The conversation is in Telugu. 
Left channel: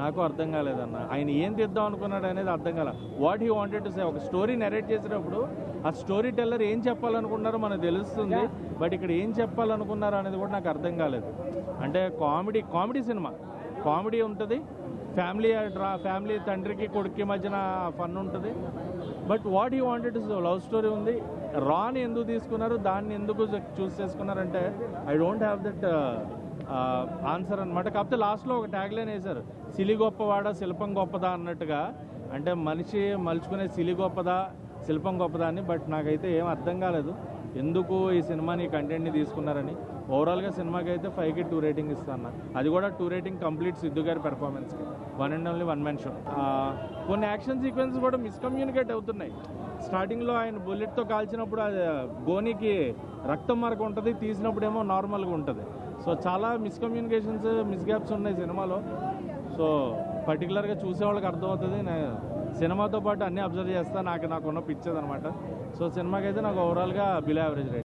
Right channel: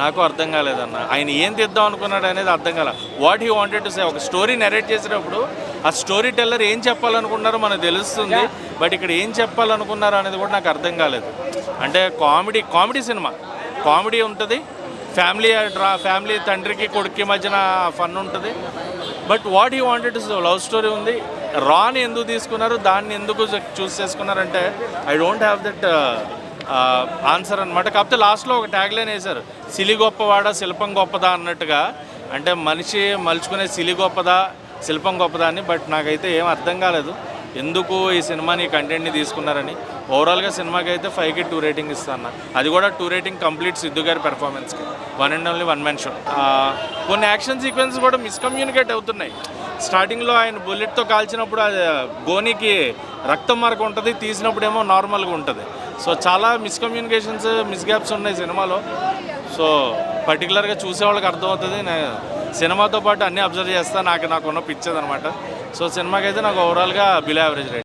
నాకు అర్థం కాలేదన్న. ఆయన ఏం తీద్దాం అనుకున్నాడు అనేది అర్థం కాల. What he wanted to say, ఒక స్టోరీ నెరేట్ చేసేటప్పుడు ఆ స్టోరీ టెల్లర్ ఏం చెప్పాలనుకున్నారో మనకు తెలుస్తుంది. బట్ ఇక్కడ ఏం చెప్పాలనుకున్నారో అనేది కూడా నాకు అర్థం కాలేదు. అంటే కామెడీ సినిమా, కామెడీ ఉంటుంది, ఫ్యామిలీ తండ్రికి కొడుక్కి మధ్యన ఫన్ ఉంటుంది. But what he wanted to say, love story ఉంది. రాని ఎందుకు తీసుకున్నారు, దాన్ని ఎందుకు చూస్ చేసుకున్నారంటే I don't have that answer అనమాట. కాకపోతే లాస్ట్లో ఒక ట్యాగ్ లైన్ వేశారు, సిలి గొప్పవాడా శిల్పం గొప్పదా అన్నట్టుగా. అంటే మనిషి మలుచుకునే సిలి గొప్పదా శిల్పం గొప్పదా అని. బట్ నాకైతే ఏం అర్థం కాలేదు ఎందుకు ఈ సినిమాని కంటెంట్ని తీసుకున్నారని. ఓవరాల్గా సినిమాకి అయితే 5కి 2 రేటింగ్ ఇస్తాను. అది కూడా 2 రేటింగ్ కంప్లీట్ సిద్ధు గారి పెర్ఫార్మెన్స్కి. One and only one man show. కొన్ని యాక్షన్ సీక్వెన్స్ కూడా మిస్కమ్యూనికేట్ అవుతున్నాయి. స్టార్టింగ్లో ఆయన బుల్లెట్తో కాల్చినప్పుడు అది గోనికి రక్తం మరక ఉంటుంది, తీసినప్పుడు ఏమో నార్మల్గా ఉంటుంది. సో చాలా మిస్కమ్యూనికేషన్స్, మిస్గ్యాప్స్ ఉన్నాయి సినిమాలో. సో పర్టికులర్గా చూసేవాళ్ళకి అర్థమవుతుంది. నేను సినిమాతో పాటు అన్నీ అబ్జర్వ్ చేస్తాను, నాకున్న పిచ్చేది అనమాట. సో సినిమాకి అయితే నాకు ఓవరాల్గా బిలో యావరేజ్ రేటింగ్.